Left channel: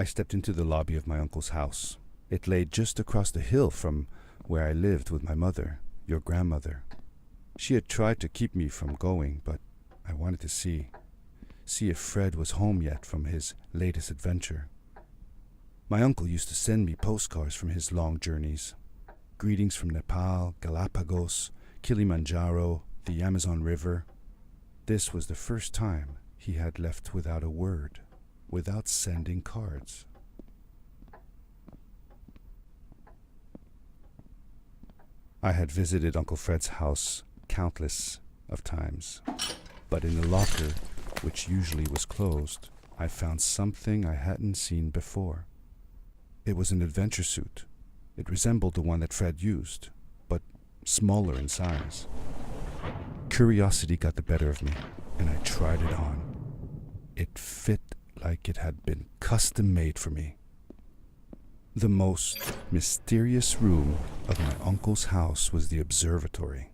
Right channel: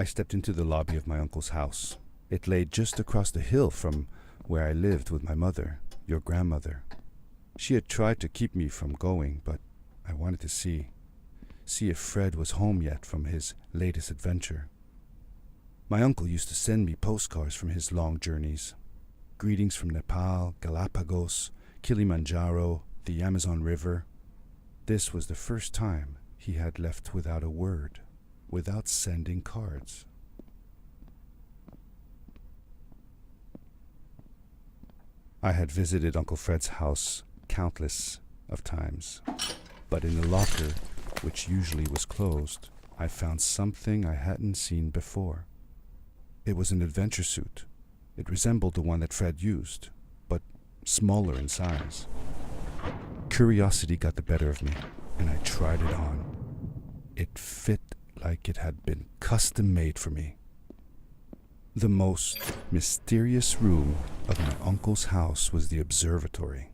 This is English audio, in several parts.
I stepped into the lobby of my uncle's house. It lay just across the hill from where I lived with my mother, your grandmother. She had tried to keep me from going, but I wanted to see if Fred was home yet from his latest adventure. My uncle used to send me postcards from his long journeys. Greetings from Nepal, Galapagos, Kilimanjaro, the Amazon River. This was the first time he had left without a word, without sending cards. I had visited Uncle Fred's house countless of times, but in the locker, which usually was closed, I found something I hadn't seen before. It was an adventure suit. It resembled the one that Fred used, but smaller in size. Curiosity got the better of me, and I tried it on. It fit like it had been custom made for me. The most mysterious room of my uncle's house was the observatory.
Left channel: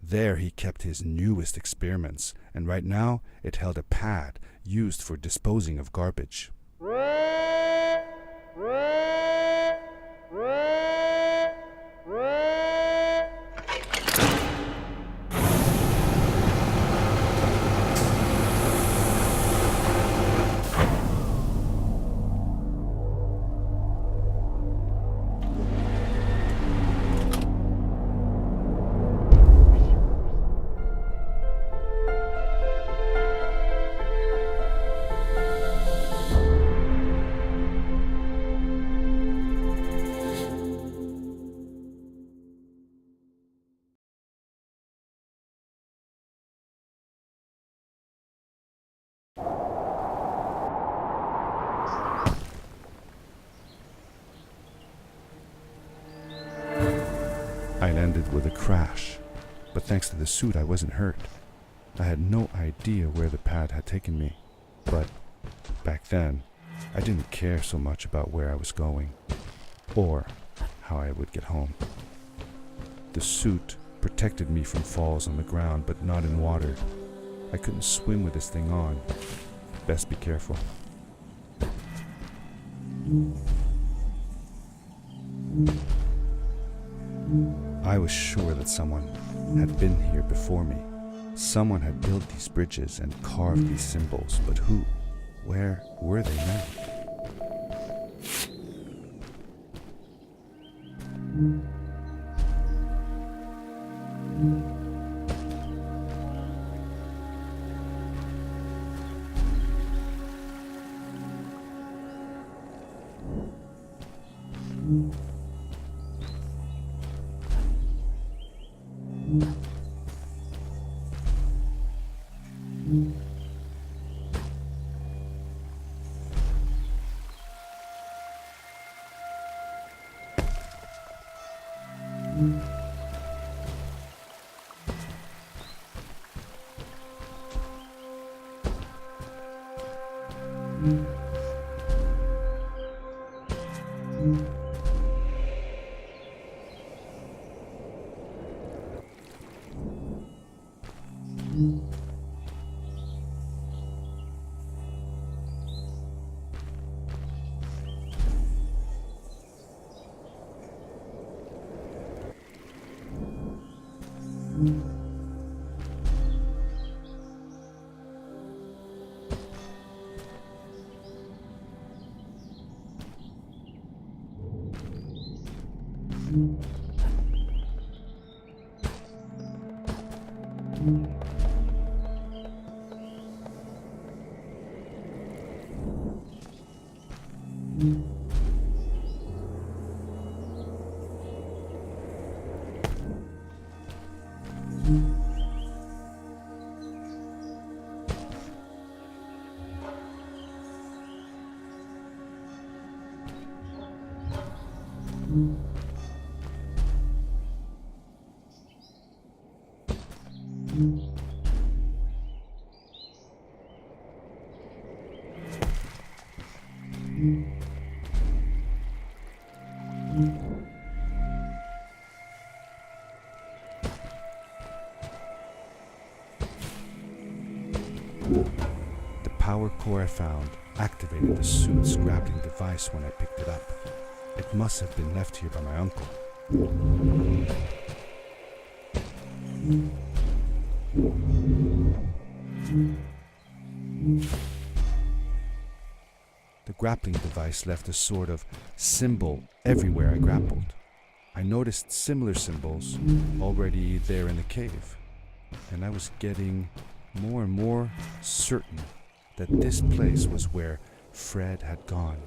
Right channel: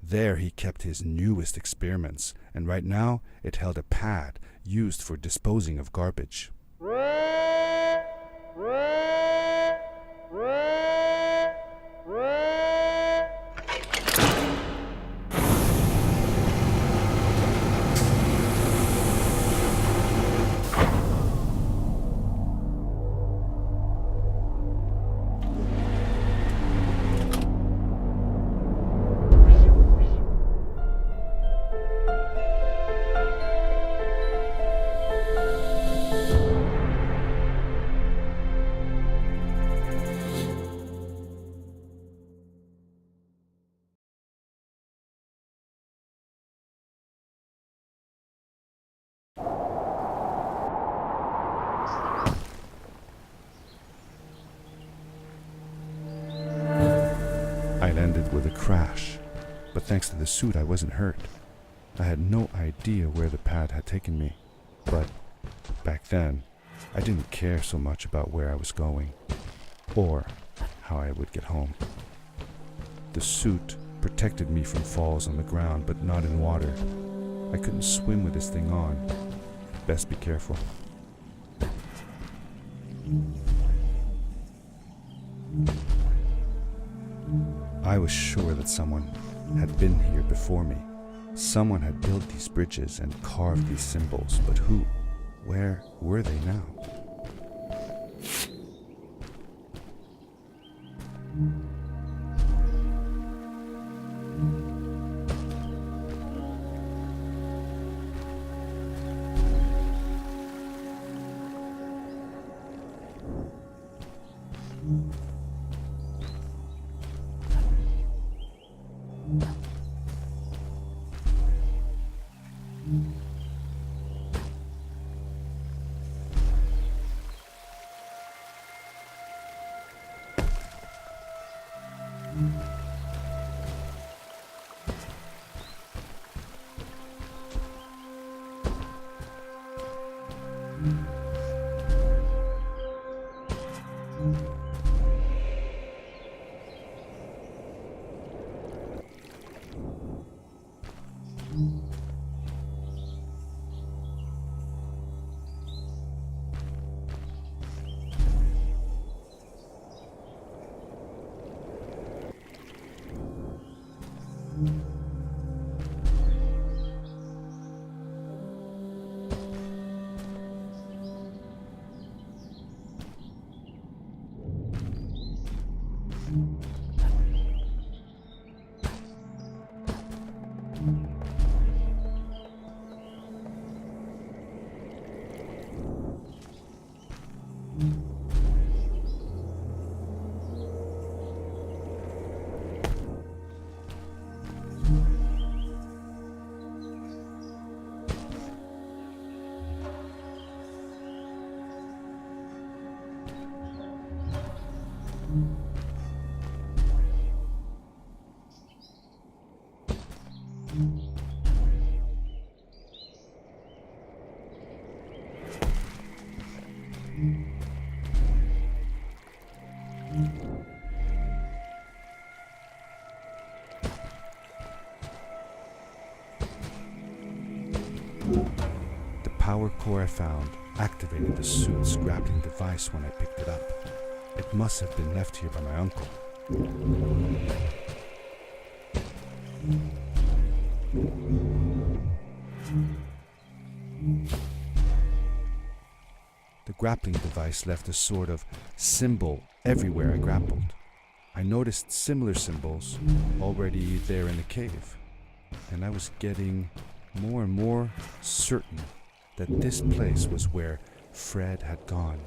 There he kept his newest experiments, and right now it held a pad used for disposing of garbage. I landed with a crash, but thanks to the suit I wasn't hurt. I had no idea where the pad had taken me, but back then I didn't care so much about where I was going, or how I would get home. The suit protected me from falls on the ground, but not in water. I couldn't swim with this thing on. Best be careful. I was sure that someone had been here before me. Someone had built these bridges and carved these symbols, but who? Where were they now? The power toy I found activated the suit's grappling device when I picked it up. It must have been left here by my uncle. The grappling device left a sort of symbol everywhere I grappled. I noticed similar symbols already there in the cave, and I was getting more and more certain that this place was where Fred had gone.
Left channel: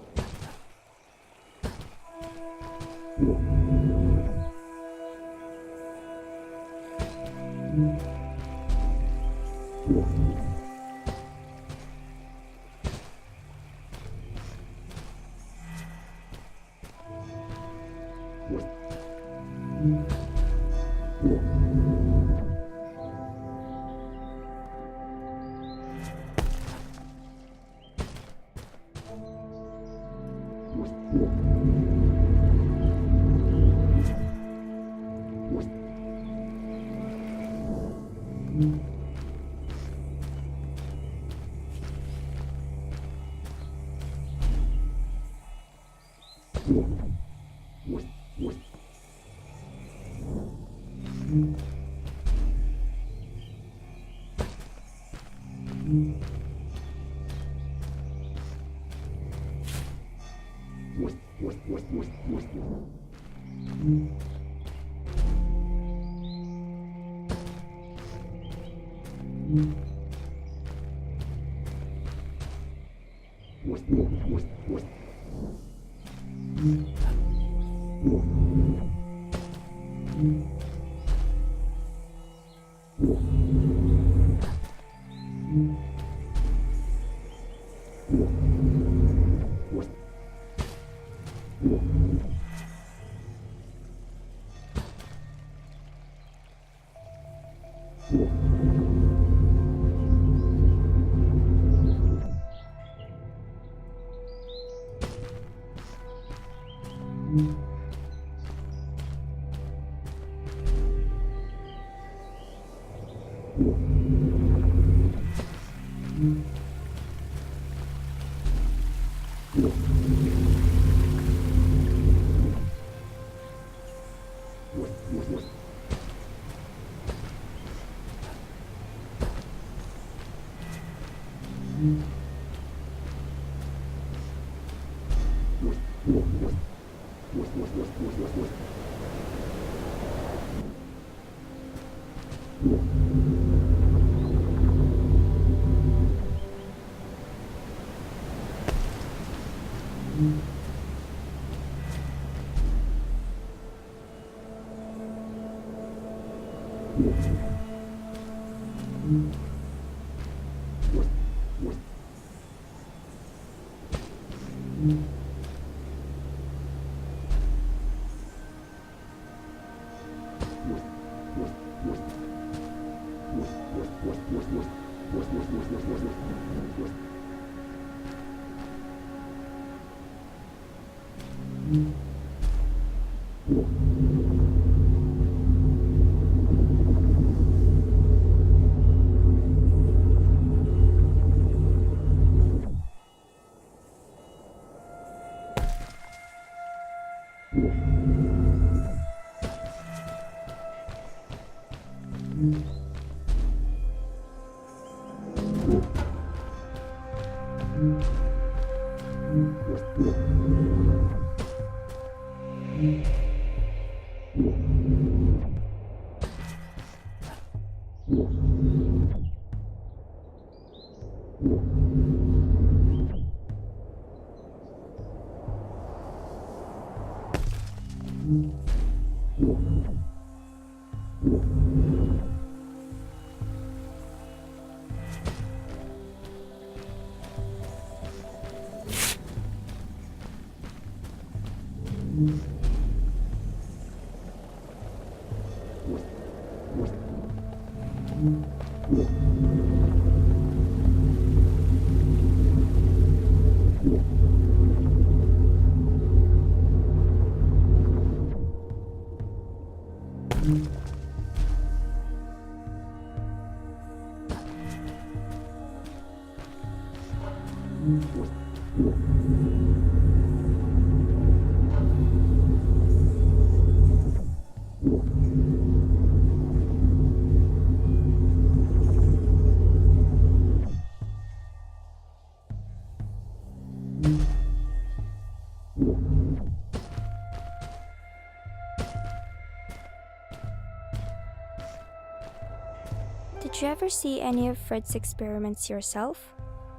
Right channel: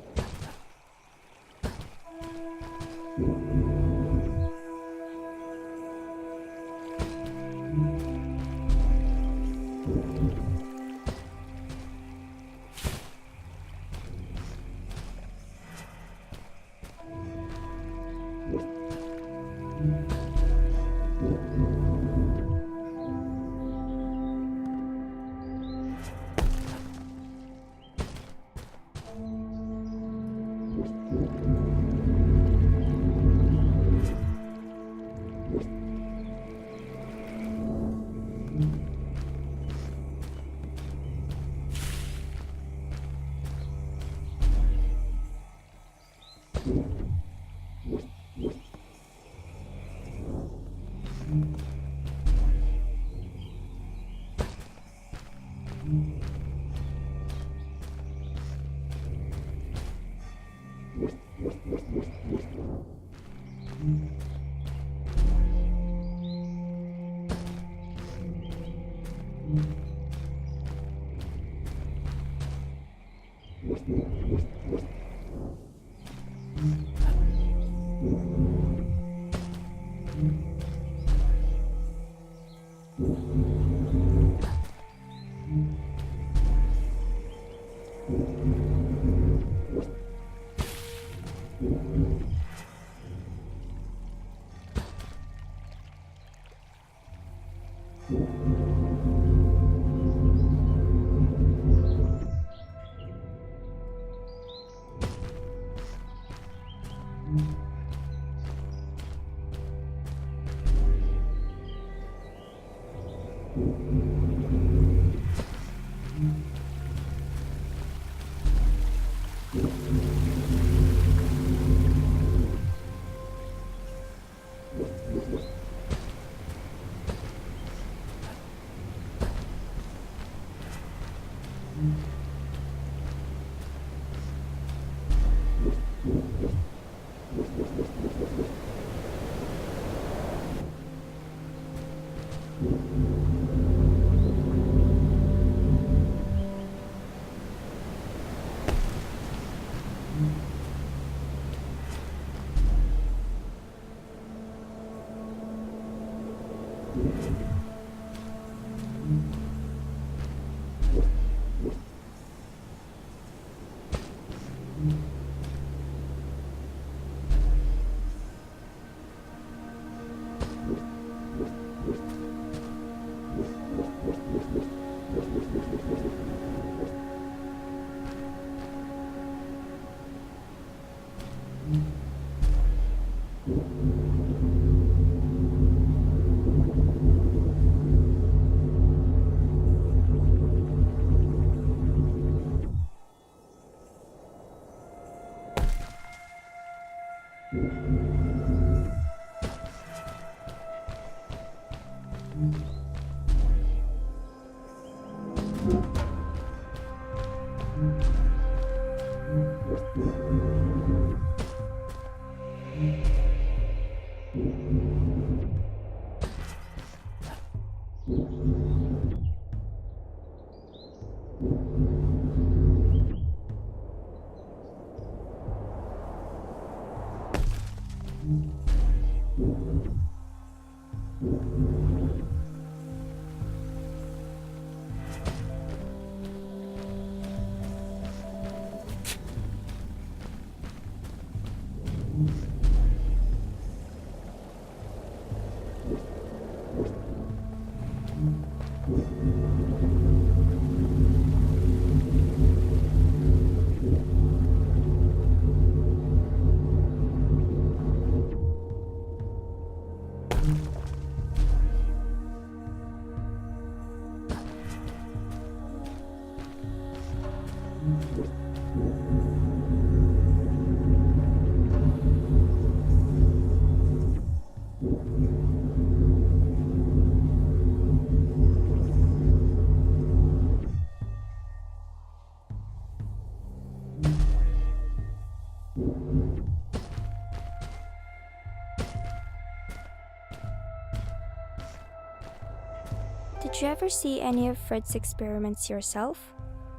Did you ever see any of Fred's experiments yourself?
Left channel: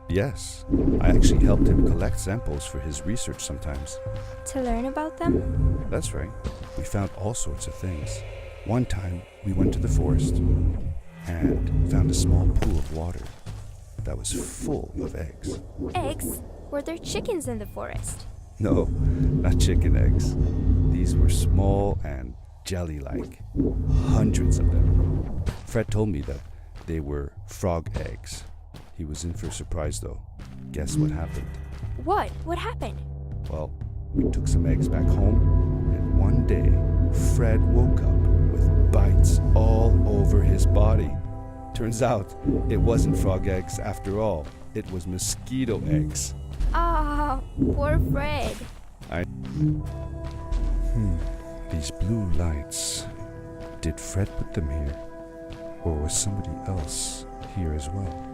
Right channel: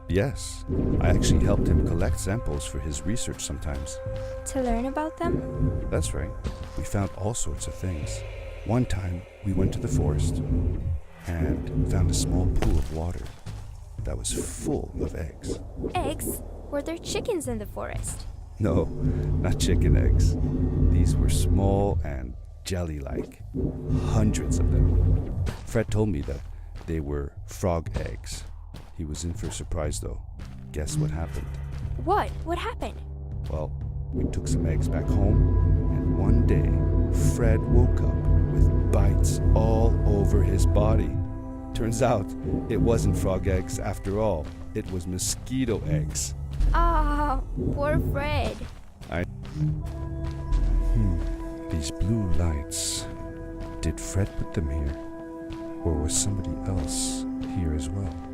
Yes, I actually helped him collect samples for his research sometimes. To learn about them? That's right. We found all sorts of things. One time, we went to the forest and found a small pool of water that was full of eggs. Eggs? Were there chickens in the forest? No, not chicken eggs. These were small and jelly-like. Hundreds of them. Fred told me that they were frog eggs. He was in for a surprise though. Guess what happened? What? What happened? Well, we took some eggs back home, and one day, Fred woke up with bites all over his body. Turns out, it wasn't frog eggs after all. It was mosquito eggs. Ah, poor Fred. These blue lights. Did Fred put them here? Or was somebody else here as well?